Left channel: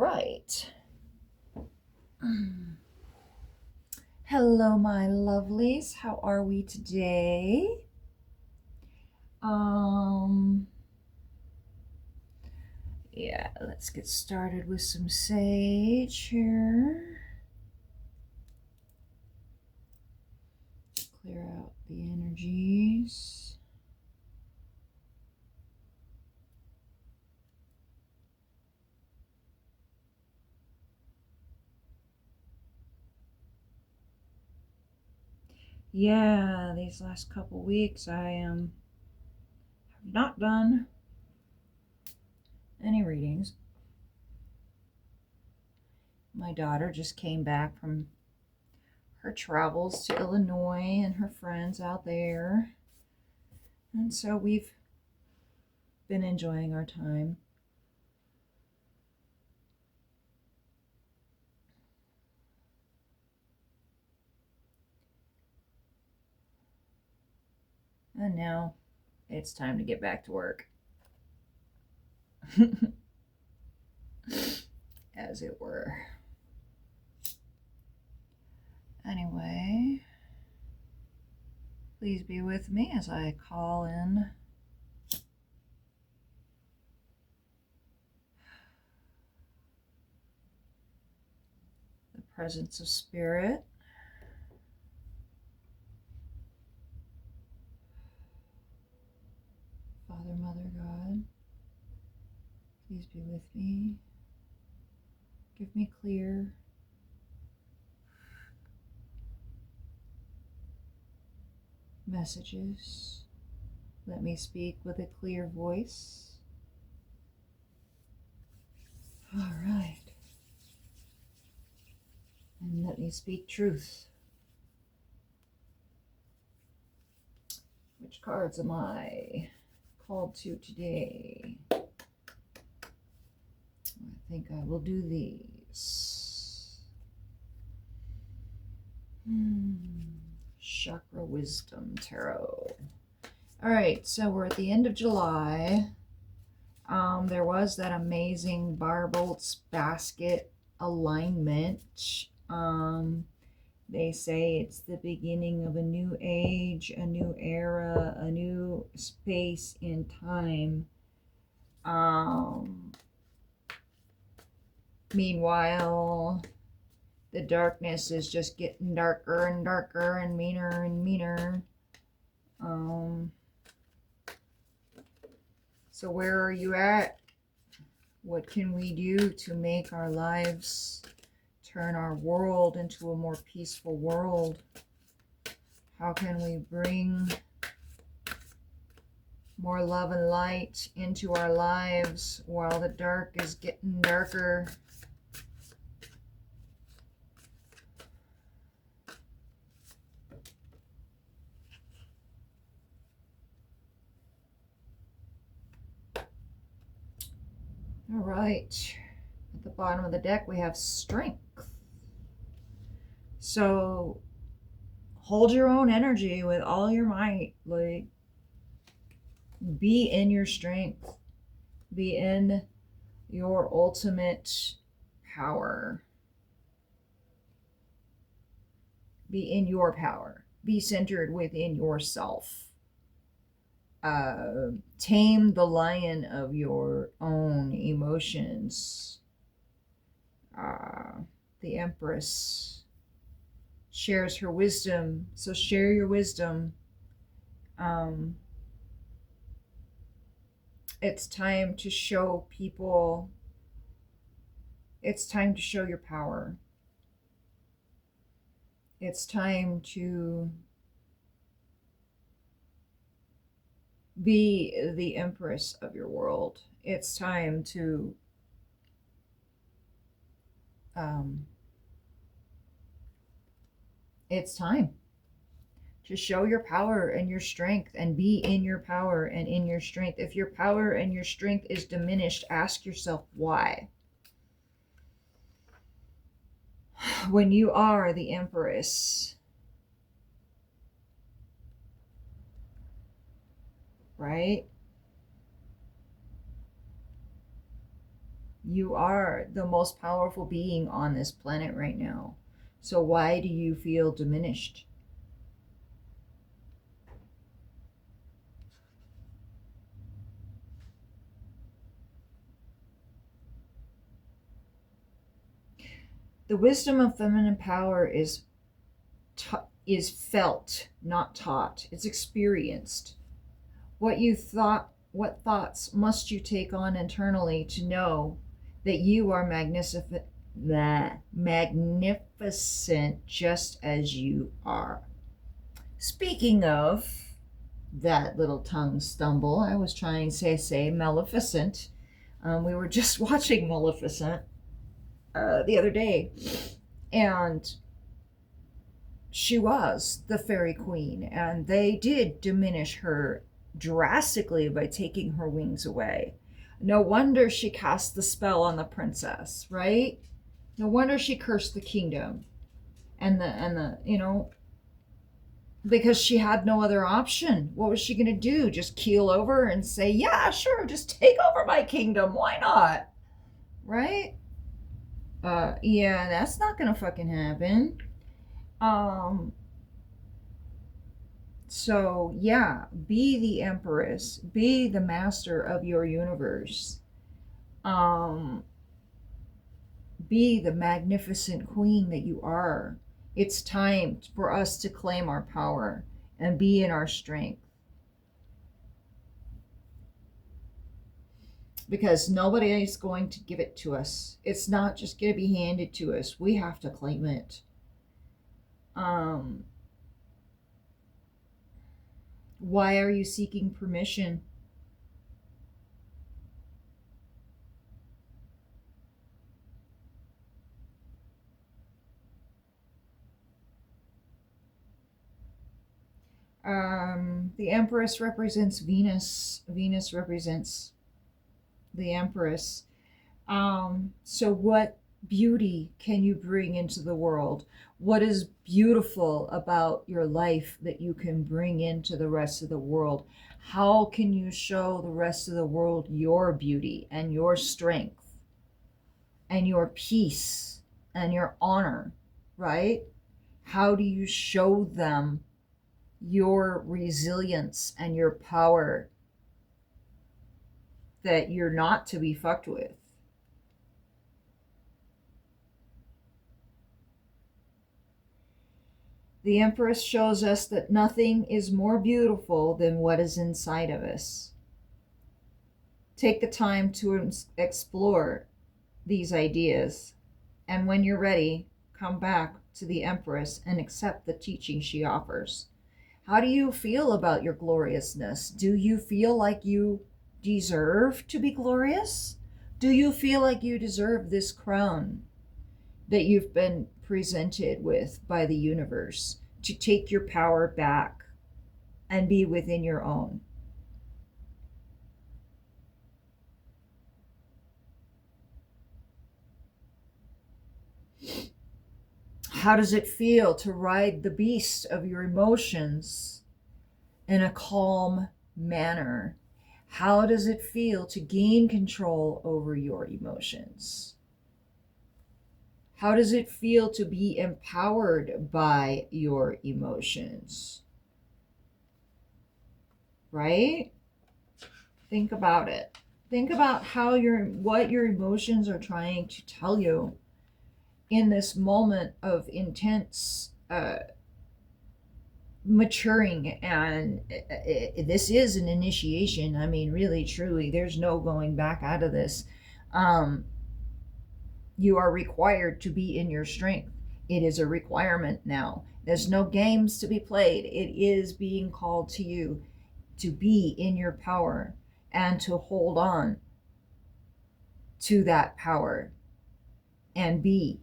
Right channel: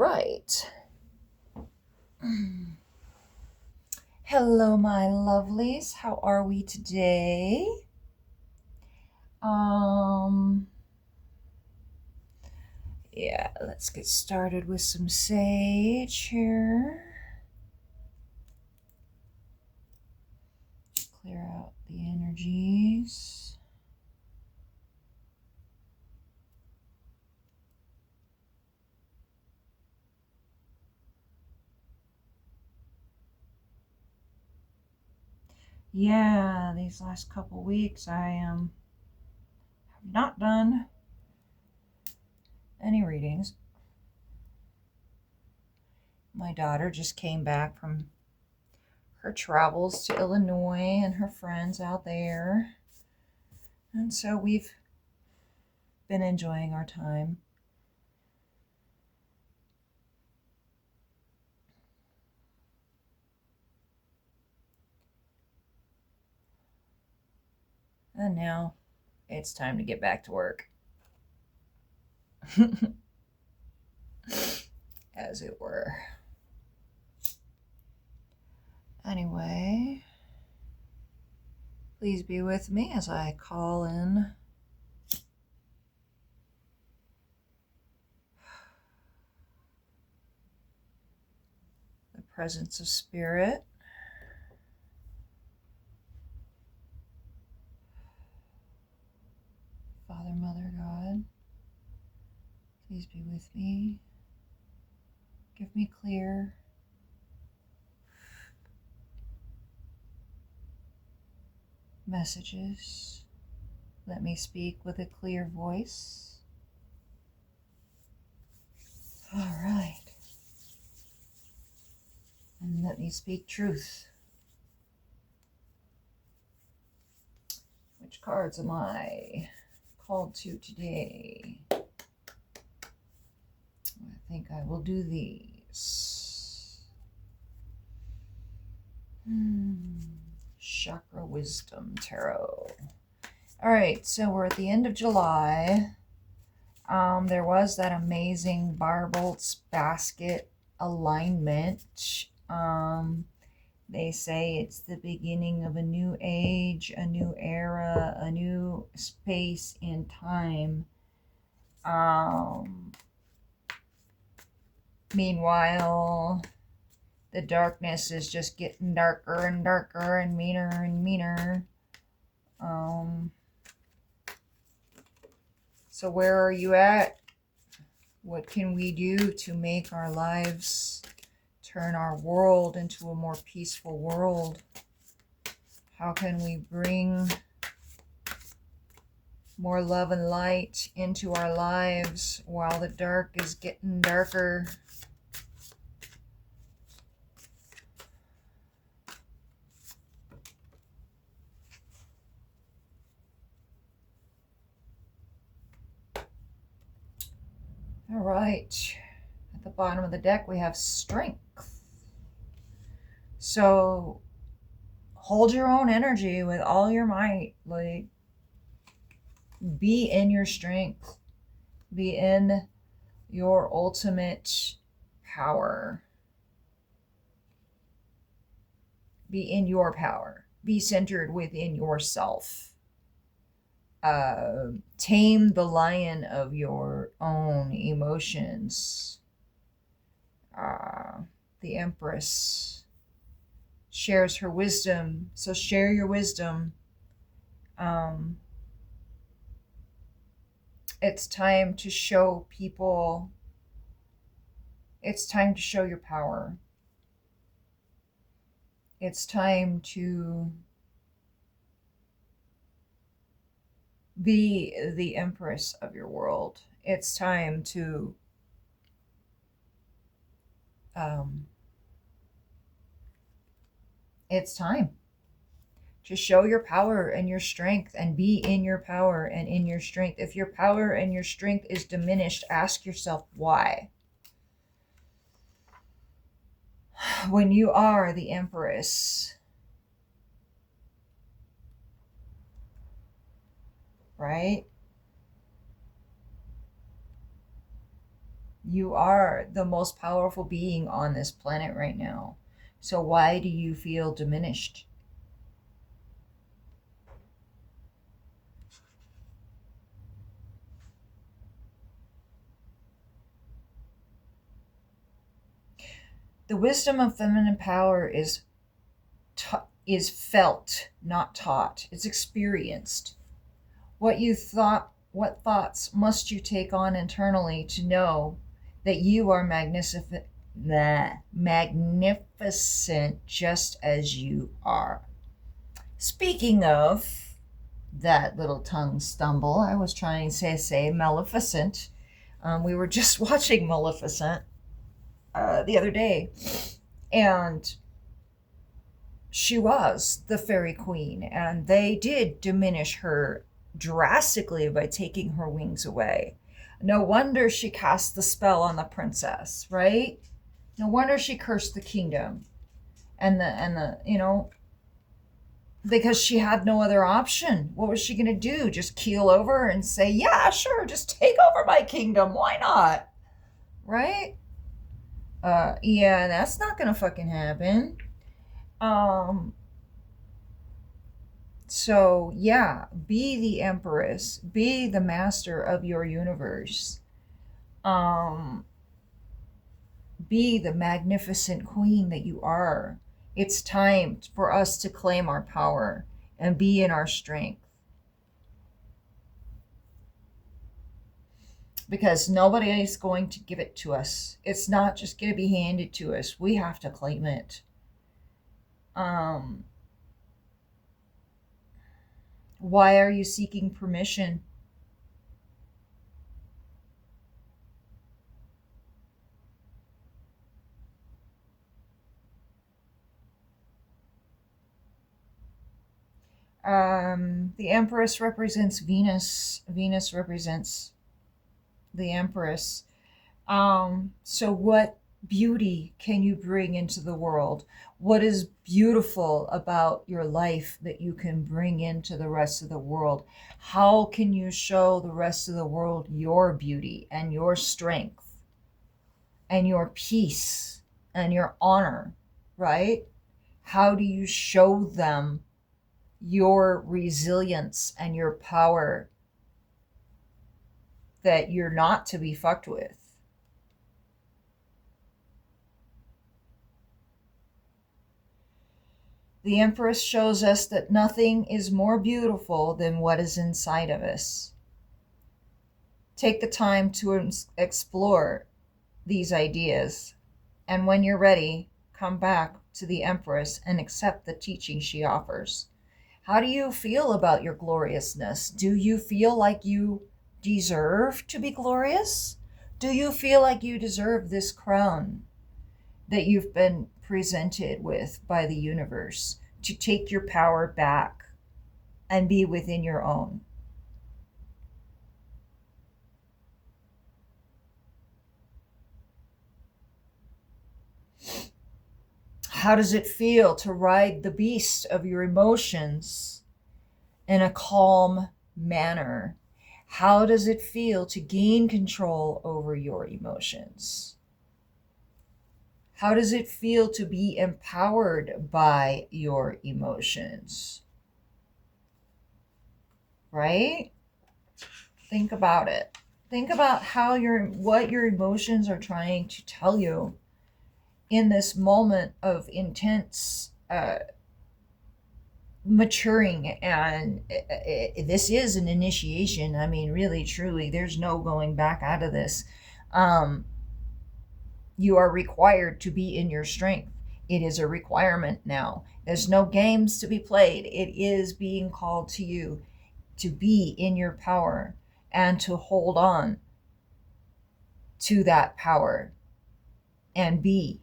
right. Hello, my lovelies. How are we today? Um, yeah, let's get started with some sage here. Clear out the energies. Yeah, these last couple weeks I have not done any readings. My daughter just came back from her travels to Illinois and her friends out there. And so we've been enjoying our time. And now it's time to get back to work. As it were. Anyway, please be with me as I call in the presence of spirit. Father, Mother, God, please be with me. Give me clear messages. Let me speak with a clear voice. All right. And let me speak truth. Which cards am I called to today? I think I will do these. Chakra Wisdom Tarot. All right, so we're at the end of July. There was that amazing Barbolt's basket alignment. They say it's the beginning of a new age, a new era, a new space in time. Meanwhile, the darkness is just getting darker and darker and meaner and meaner. So where are you at? What can we do to make our lives, turn our world into a more peaceful world? How can we bring more love and light into our lives while the dark is getting darker? All right, at the bottom of the deck we have strength. So hold your own energy with all your might. Like, be in your strength. Be in your ultimate power. Be in your power. Be centered within yourself. Tame the lion of your own emotions. The empress shares her wisdom, so share your wisdom. It's time to show people, it's time to show your power. It's time to be the empress of your world. It's time to it's time to show your power and your strength and be in your power and in your strength. If your power and your strength is diminished, ask yourself why. When you are the empress, right? You are the most powerful being on this planet right now. So why do you feel diminished? The wisdom of feminine power is felt, not taught. It's experienced. What thoughts must you take on internally to know that you are magnificent just as you are? Speaking of that little tongue stumble, I was trying to say Maleficent. We were just watching Maleficent the other day, and she was the fairy queen, and they did diminish her drastically by taking her wings away. No wonder she cast the spell on the princess, right? No wonder she cursed the kingdom and the because she had no other option. What was she going to do? Just keel over and say, yeah, sure, just take over my kingdom. Why not? Right? Yeah, that's not going to fucking happen. So, yeah, be the empress, be the master of your universe. Be the magnificent queen that you are. It's time for us to claim our power and be in our strength. Because nobody is going to give it to us. It's not just going to be handed to us. We have to claim it. Why are you seeking permission? The Empress represents Venus. Venus represents the Empress. So what beauty can you bring into the world? What is beautiful about your life that you can bring into the rest of the world? How can you show the rest of the world your beauty and your strength and your peace and your honor, right? How do you show them your resilience and your power, that you're not to be fucked with? The Empress shows us that nothing is more beautiful than what is inside of us. Take the time to explore these ideas, and when you're ready, come back to the Empress and accept the teaching she offers. How do you feel about your gloriousness? Do you feel like you deserve to be glorious? Do you feel like you deserve this crown that you've been presented with by the universe, to take your power back and be within your own? How does it feel to ride the beast of your emotions in a calm manner? How does it feel to gain control over your emotions? How does it feel to be empowered by your emotions? Right? Think about it. Think about what your emotions are trying to tell you in this moment of intense maturing. And this is an initiation. I mean, really, truly, there's no going back out of this. You are required to be in your strength. It is a requirement now. There's no games to be played. It is being called to you to be in your power and to hold on to that power and be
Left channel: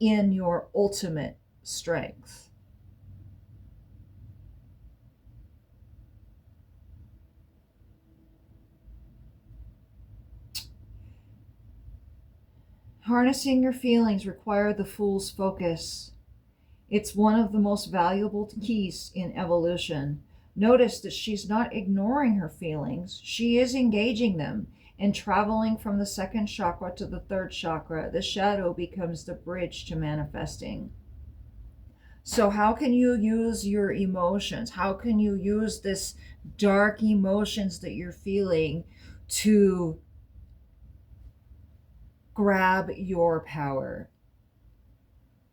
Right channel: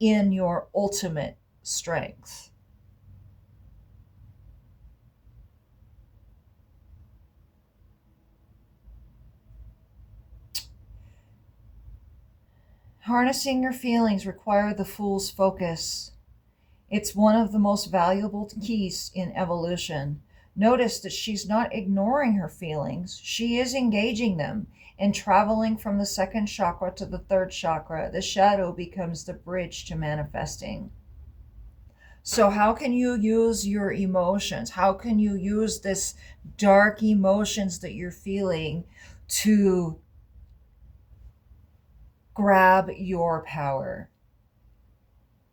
in your ultimate strength. Harnessing your feelings requires the fool's focus. It's one of the most valuable keys in evolution. Notice that she's not ignoring her feelings. She is engaging them. And traveling from the second chakra to the third chakra, the shadow becomes the bridge to manifesting. So how can you use your emotions? How can you use this dark emotions that you're feeling to grab your power?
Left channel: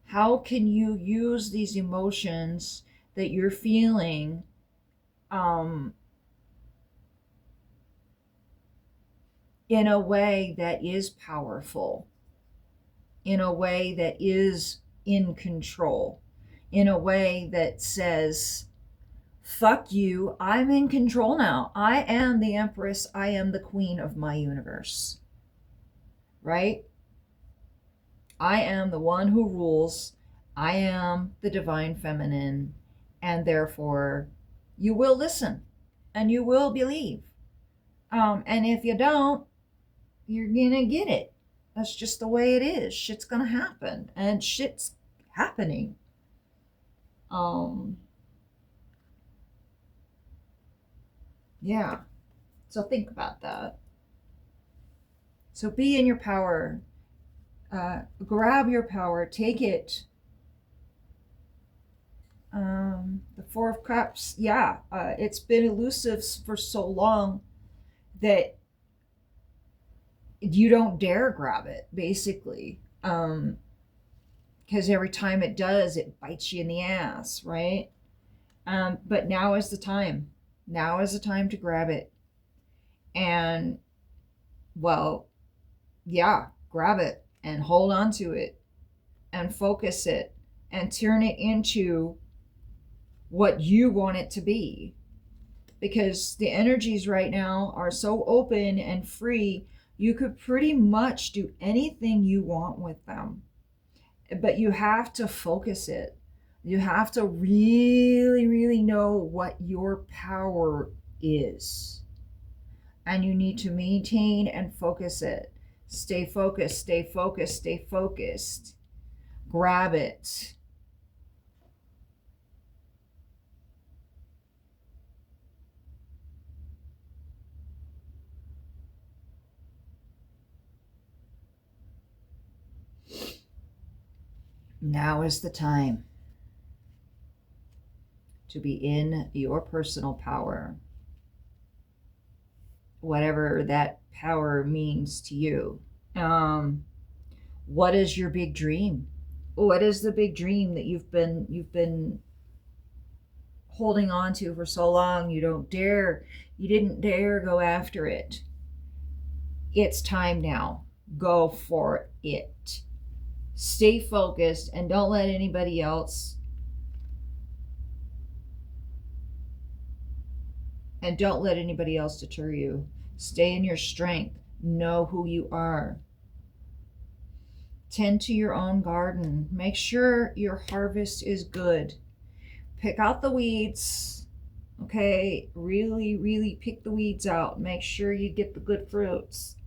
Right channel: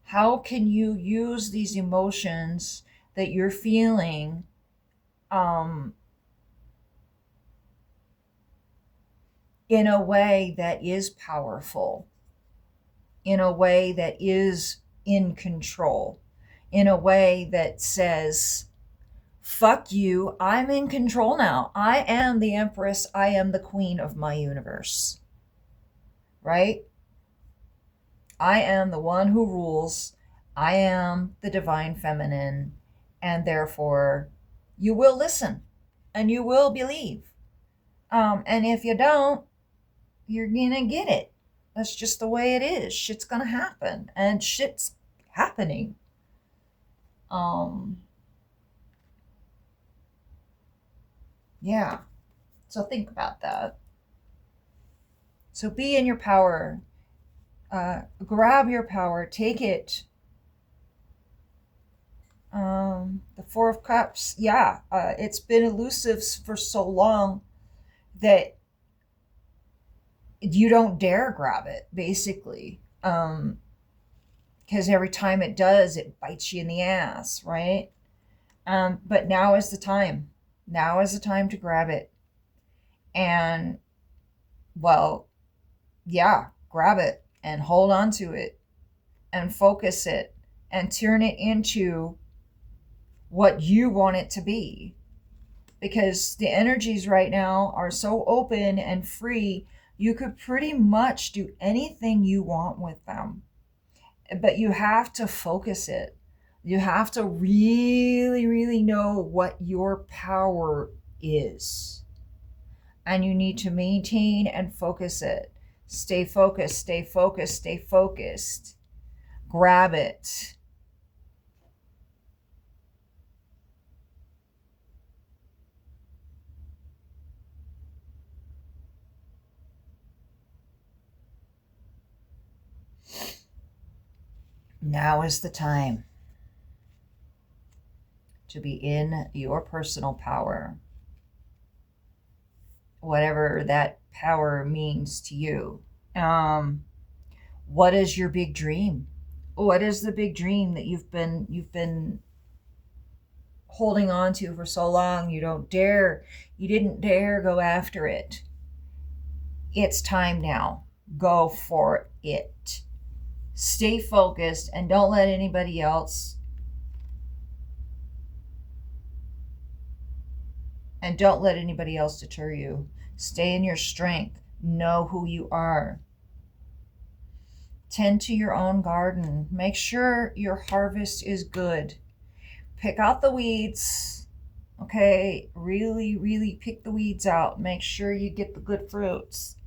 How can you use these emotions that you're feeling in a way that is powerful, in a way that is in control, in a way that says, fuck you, I'm in control now. I am the empress. I am the queen of my universe. Right? I am the one who rules. I am the divine feminine. And therefore, you will listen and you will believe. And if you don't, you're going to get it. That's just the way it is. Shit's going to happen. And shit's happening. Yeah. So think about that. So be in your power. Grab your power. Take it. The Four of Cups. Yeah. It's been elusive for so long that you don't dare grab it, basically. Because every time it does, it bites you in the ass, right? But now is the time. Now is the time to grab it. And, well, yeah, grab it and hold on to it and focus it and turn it into what you want it to be. Because the energies right now are so open and free, you could pretty much do anything you want with them. But you have to focus it. You have to really, really know what your power is. And you need to maintain and focus it. Stay focused, stay focused, stay focused. Grab it. Now is the time to be in your personal power, whatever that power means to you. What is your big dream? What is the big dream that you've been holding on to for so long? You didn't dare go after it. It's time now. Go for it. Stay focused and don't let anybody else deter you. Stay in your strength. Know who you are. Tend to your own garden. Make sure your harvest is good. Pick out the weeds. Okay, really, really pick the weeds out. Make sure you get the good fruits.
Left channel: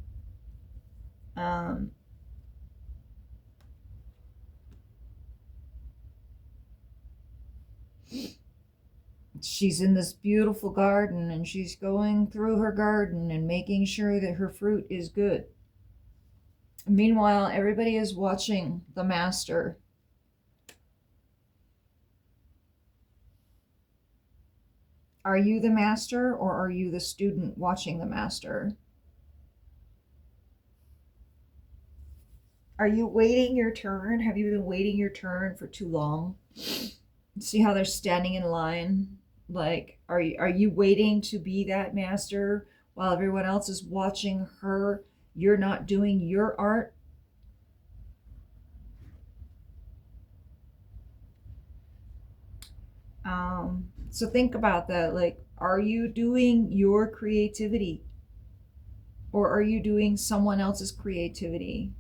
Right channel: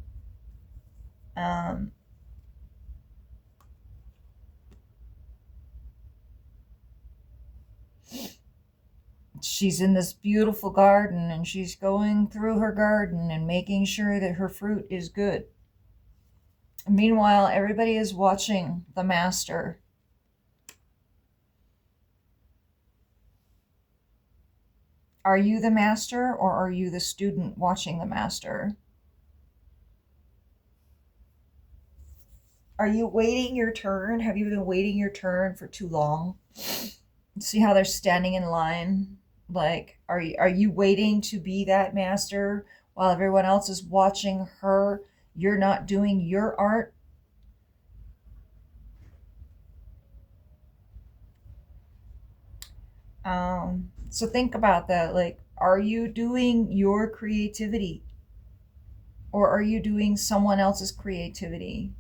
She's in this beautiful garden and she's going through her garden and making sure that her fruit is good. Meanwhile, everybody is watching the master. Are you the master or are you the student watching the master? Are you waiting your turn? Have you been waiting your turn for too long? See how they're standing in line? Like, are you waiting to be that master while everyone else is watching her? You're not doing your art. So think about that. Like, are you doing your creativity or are you doing someone else's creativity?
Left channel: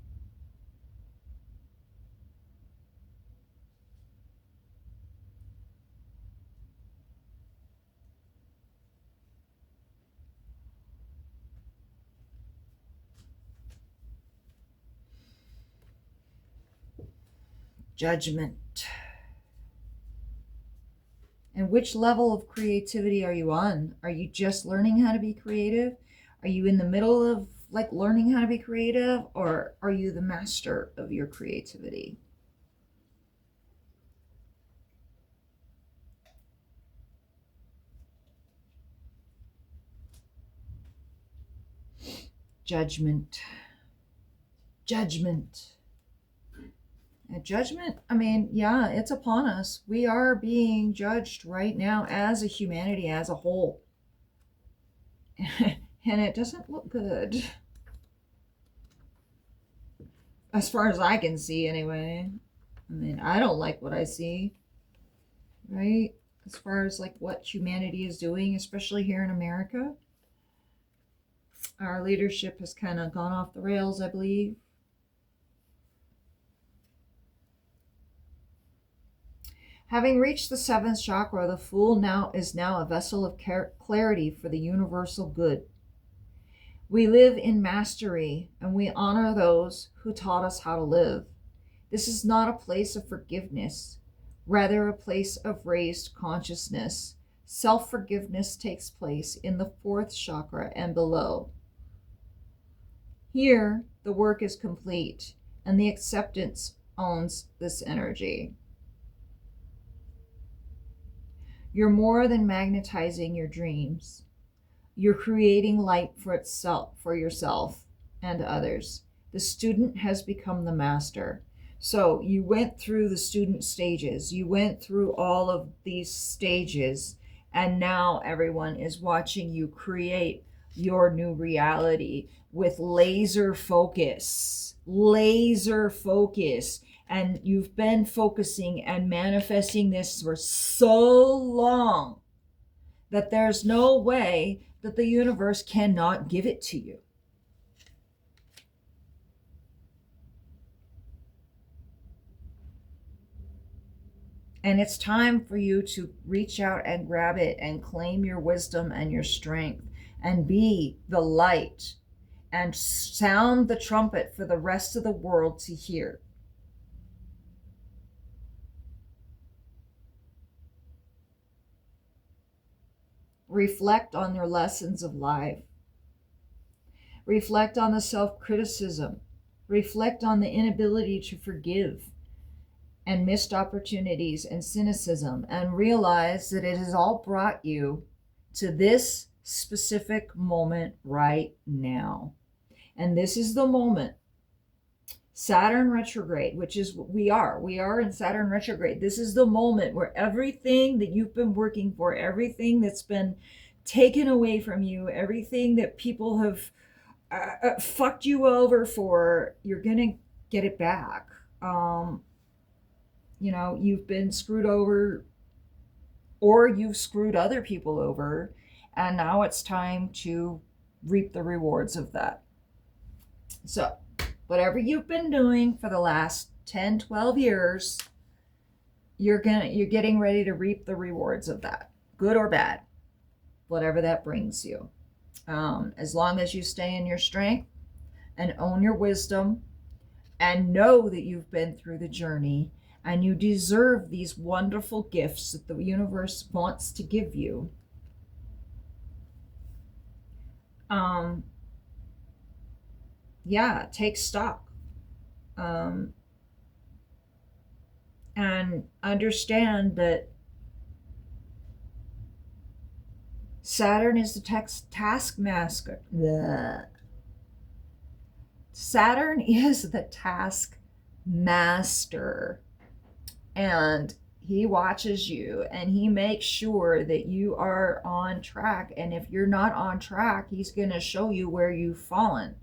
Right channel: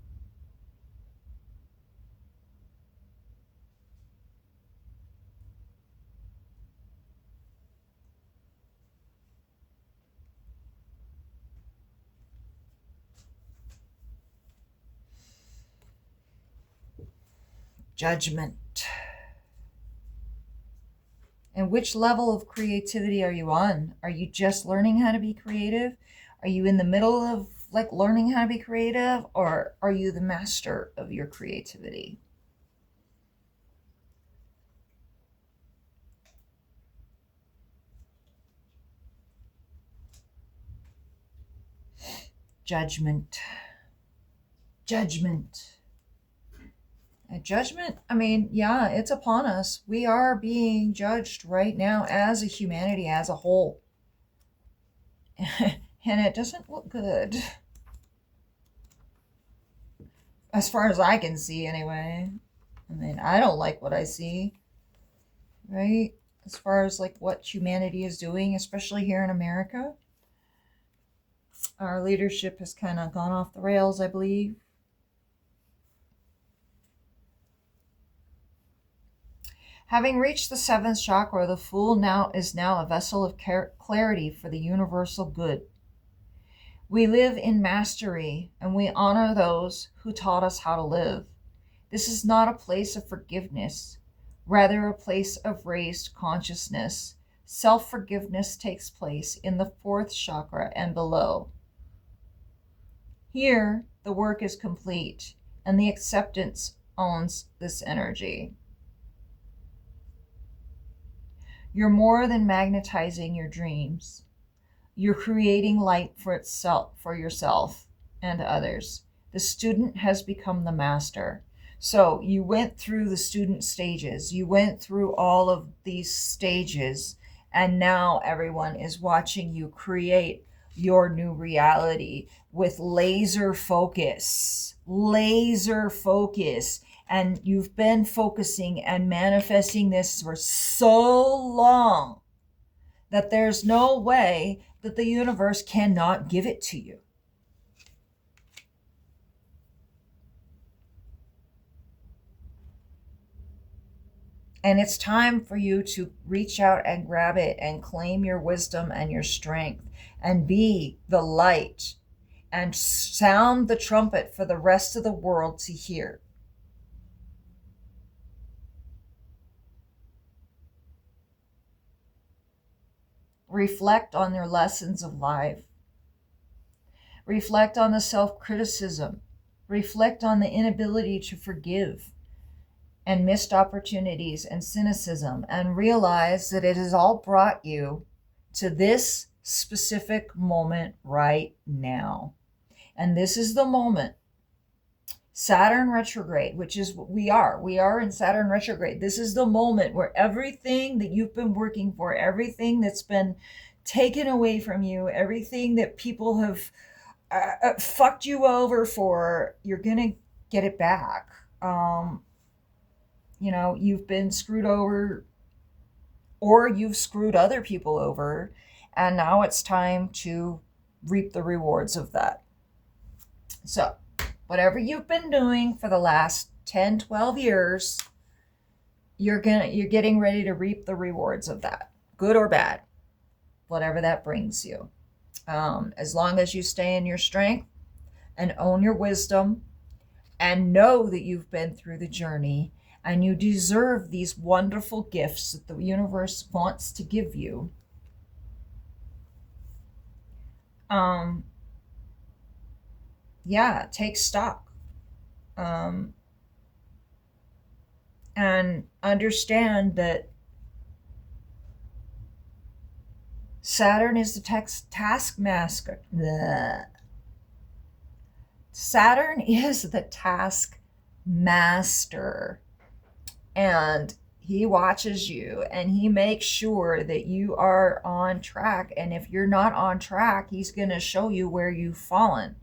Judgment. And which level of creativity are you on? Are you just learning how to be creative? Are you in the middle of like learning how to be creative, or are you the master of your creativity? Judgment. Judgment. Judgment, I mean, yeah, it's upon us. We are being judged right now as a humanity, as a whole. And it doesn't look good. As far as I can see, anyway. I mean, I don't like what I see, right? As far as like what humanity is doing, especially here in America. Our leadership has kind of gone off the rails, I believe. Having reached the seventh chakra, the Fool is now a vessel of clarity for the universal good. We live in mastery, and we honor those who taught us how to live. This is not a place of forgiveness, rather a place of raised consciousness. Self-forgiveness takes place in the fourth chakra and below. Here, the work is complete, and the acceptance owns this energy. You're more than magnetizing your dreams. You're creating light for yourself and others. The student has become the master. So you went through the student stages. You went through all of these stages, and now everyone is watching you create your new reality with laser focus. Laser focus. And you've been focusing and manifesting this for so long that there's no way that the universe cannot give it to you. And it's time for you to reach out and grab it and claim your wisdom and your strength and be the light and sound the trumpet for the rest of the world to hear. Reflect on their lessons of life. Reflect on the self-criticism. Reflect on the inability to forgive and missed opportunities and cynicism, and realize that it has all brought you to this specific moment right now. And this is the moment. Saturn retrograde, which is what we are in Saturn retrograde. This is the moment where everything that you've been working for, everything that's been taken away from you, everything that people have fucked you over for, you're gonna get it back. You've been screwed over, or you've screwed other people over, and now it's time to reap the rewards of that. So whatever you've been doing for the last 10, 12 years, you're getting ready to reap the rewards of that, good or bad, whatever that brings you. As long as you stay in your strength and own your wisdom and know that you've been through the journey and you deserve these wonderful gifts that the universe wants to give you. Take stock. And understand that Saturn is the taskmaster. Saturn is the taskmaster, and he watches you and he makes sure that you are on track. And if you're not on track, he's going to show you where you've fallen.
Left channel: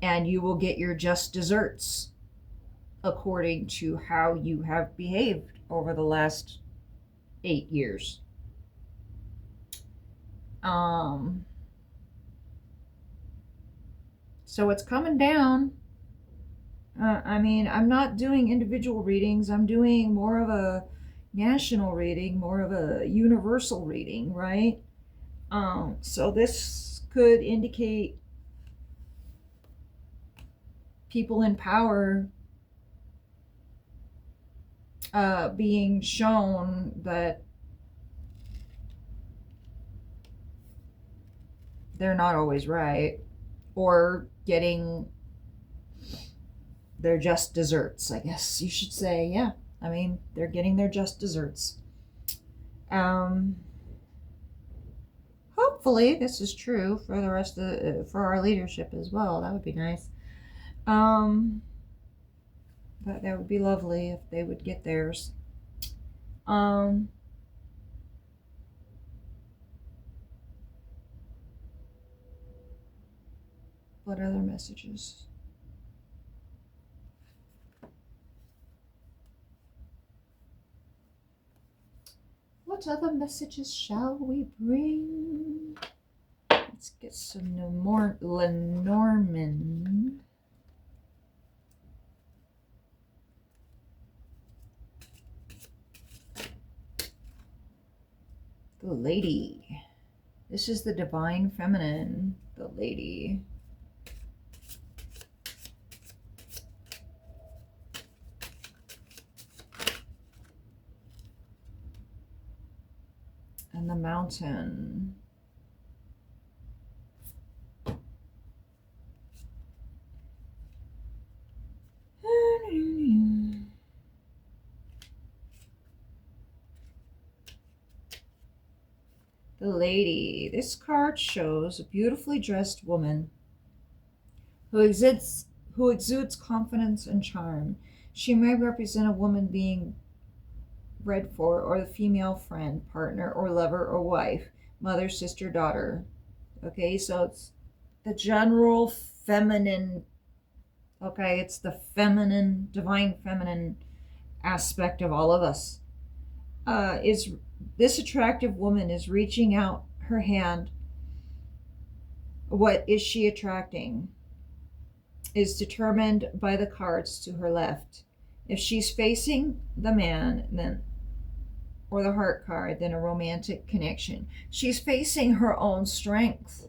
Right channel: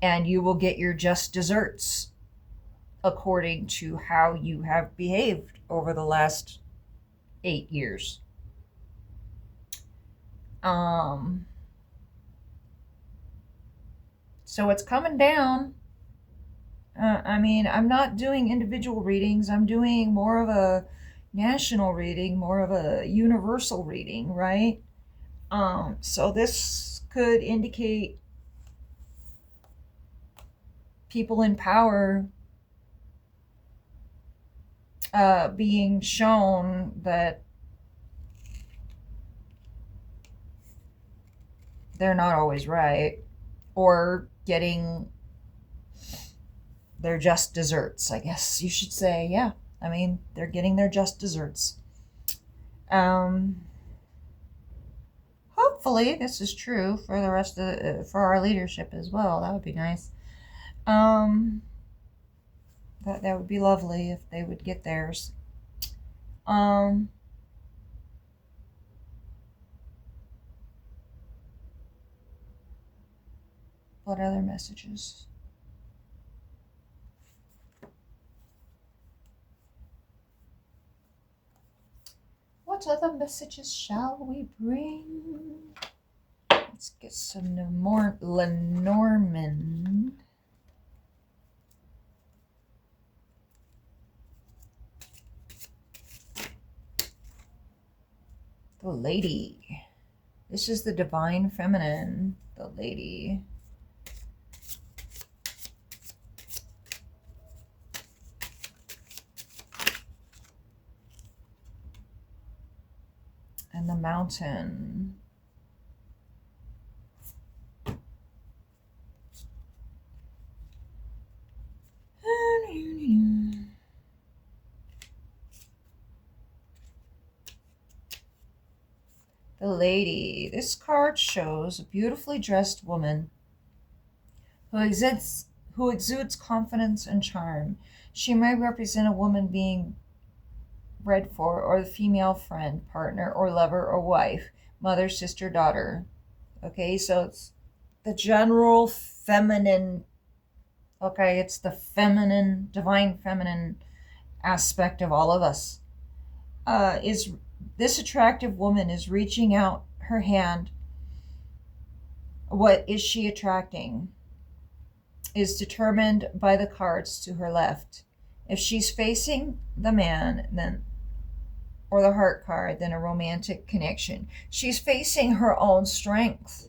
And you will get your just desserts according to how you have behaved over the last 8 years. So it's coming down. I'm not doing individual readings. I'm doing more of a national reading, more of a universal reading, right? So this could indicate people in power being shown that they're not always right, or getting their just desserts, I guess you should say. Yeah, I mean, they're getting their just desserts. Um, Hopefully, this is true for the rest of for our leadership as well. That would be nice. Um, that would be lovely if they would get theirs. Um, what other messages? What other messages shall we bring? Let's get some more Lenormand. The lady. This is the divine feminine. The lady. And the mountain. The lady. This card shows a beautifully dressed woman who exudes confidence and charm. She may represent a woman being read for, or the female friend, partner, or lover, or wife, mother, sister, daughter. Okay, so it's the general feminine. Okay, it's the feminine, divine feminine aspect of all of us. Is this attractive woman is reaching out her hand. What is she attracting? Is determined by the cards to her left. If she's facing the man, then or the heart card, then a romantic connection. She's facing her own strength.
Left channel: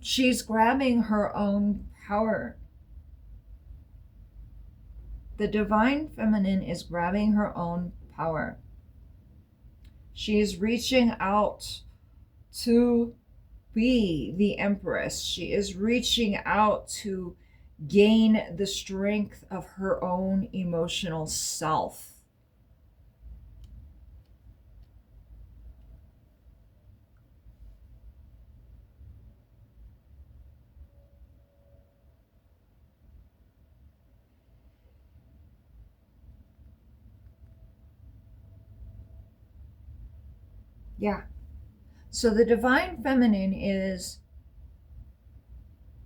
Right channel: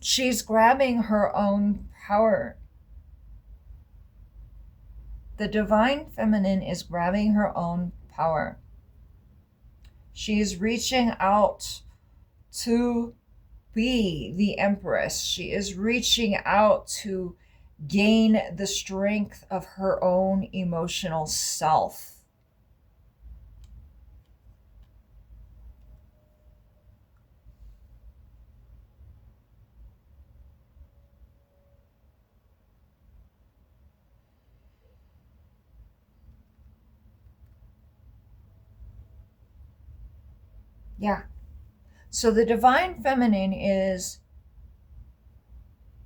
She's grabbing her own power. The divine feminine is grabbing her own power. She's reaching out to be the empress. She is reaching out to gain the strength of her own emotional self. Yeah. So the divine feminine is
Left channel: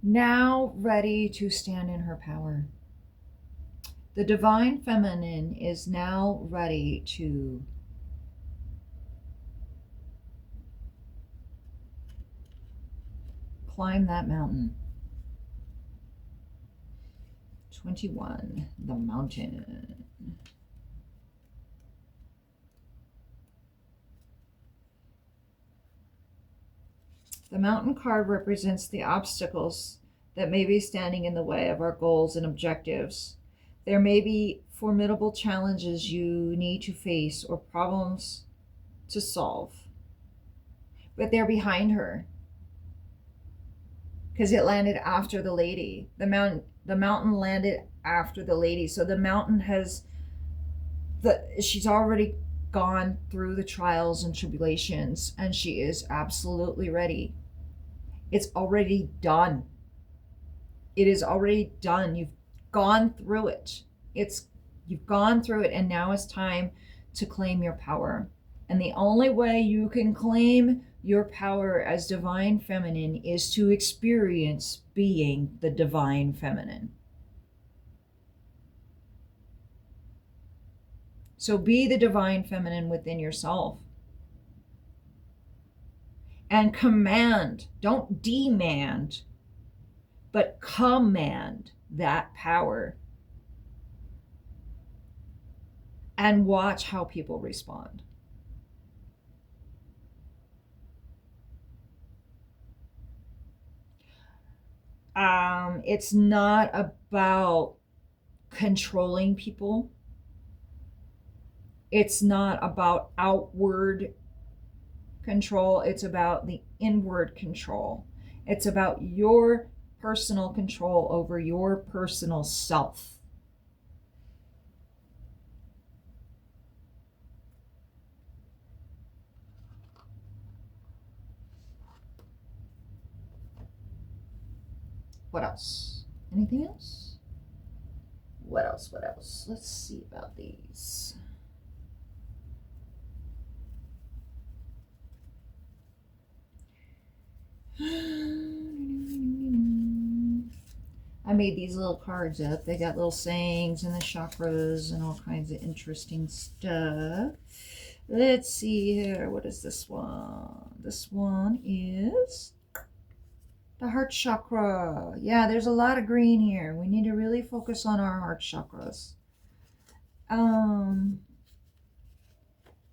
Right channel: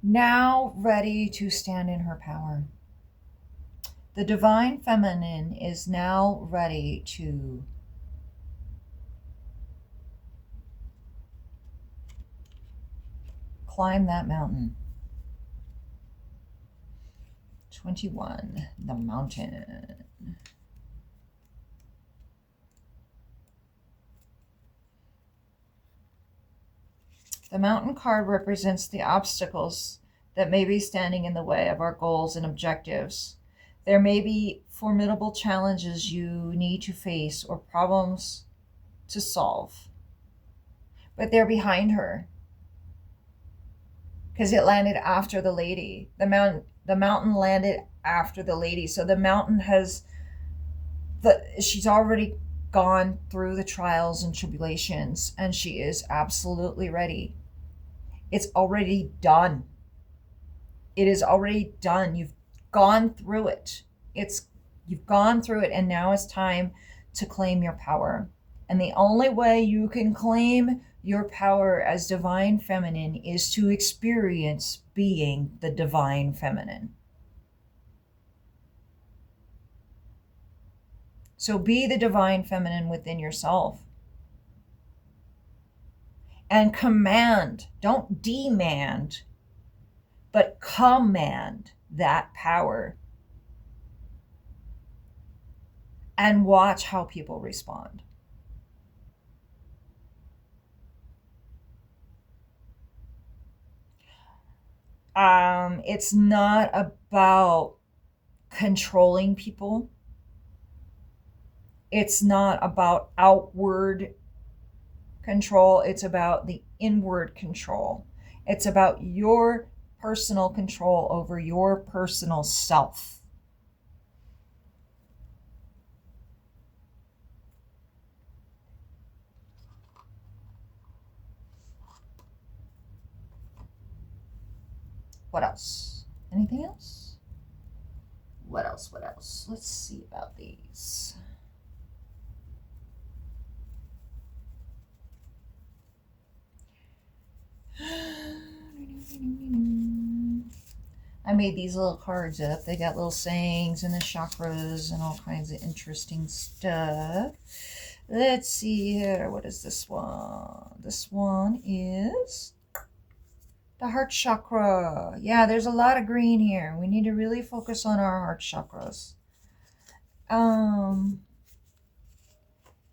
now ready to stand in her power. The divine feminine is now ready to climb that mountain. 21, the mountain. The mountain card represents the obstacles that may be standing in the way of our goals and objectives. There may be formidable challenges you need to face or problems to solve, but they're behind her because it landed after the lady. The mountain landed after the lady. So the mountain she's already gone through the trials and tribulations, and she is absolutely ready. It's already done. It is already done. You've gone through it. You've gone through it, and now it's time to claim your power. And the only way you can claim your power as divine feminine is to experience being the divine feminine. So be the divine feminine within yourself. And command, don't demand, but command that power. And watch how people respond. It's not about controlling people. It's not about outward control, it's about the inward control. It's about your personal control over your personal self. What else? Anything else? What else? What else? Let's see about these. I made these little cards up. They got little sayings and the chakras and all kinds of interesting stuff. Let's see here. What is this one? This one is the heart chakra. Yeah, there's a lot of green here. We need to really focus on our heart chakras.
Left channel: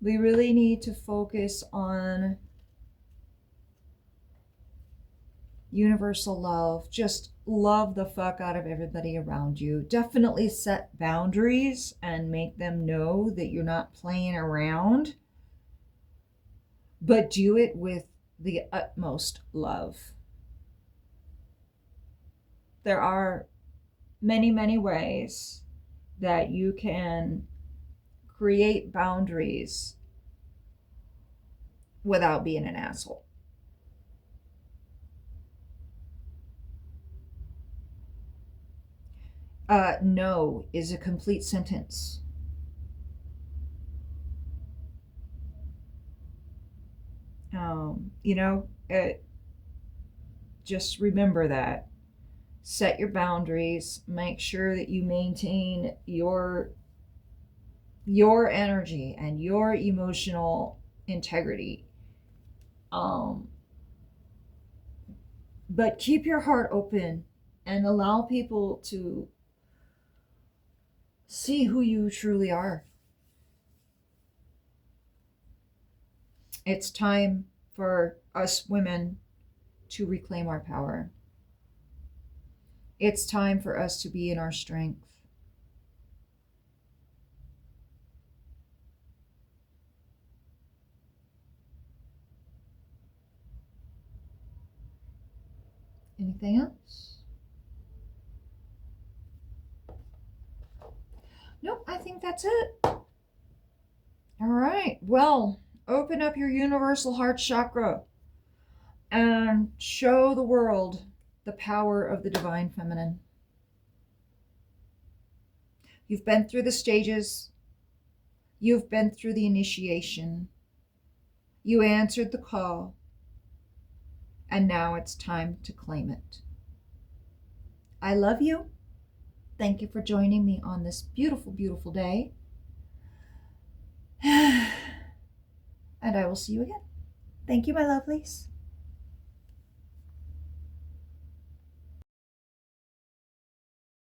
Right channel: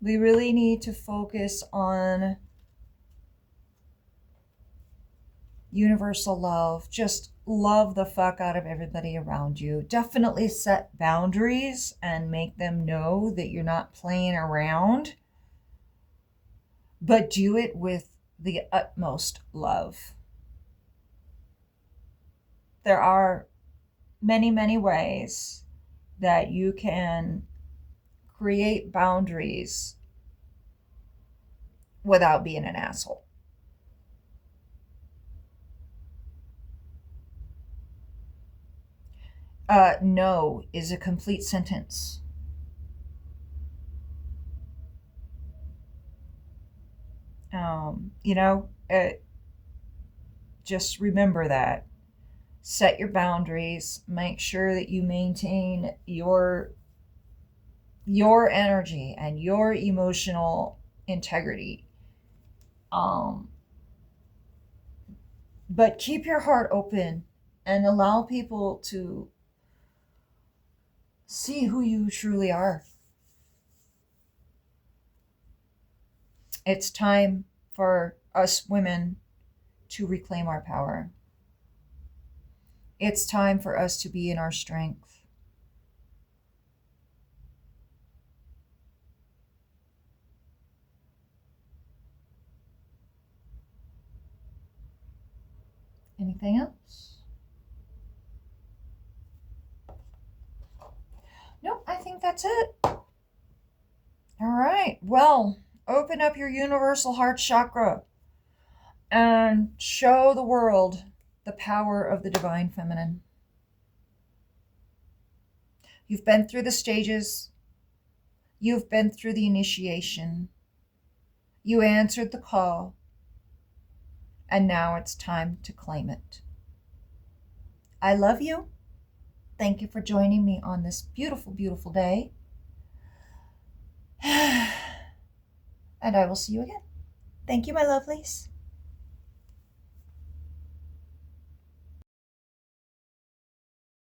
We really need to focus on universal love. Just love the fuck out of everybody around you. Definitely set boundaries and make them know that you're not playing around, but do it with the utmost love. There are many, many ways that you can create boundaries without being an asshole. No is a complete sentence. Just remember that. Set your boundaries. Make sure that you maintain your energy and your emotional integrity. But keep your heart open and allow people to see who you truly are. It's time for us women to reclaim our power. It's time for us to be in our strength. Anything else? Nope, I think that's it. All right. Well, open up your universal heart chakra and show the world the power of the divine feminine. You've been through the stages. You've been through the initiation. You answered the call. And now it's time to claim it. I love you. Thank you for joining me on this beautiful, beautiful day. And I will see you again. Thank you, my lovelies.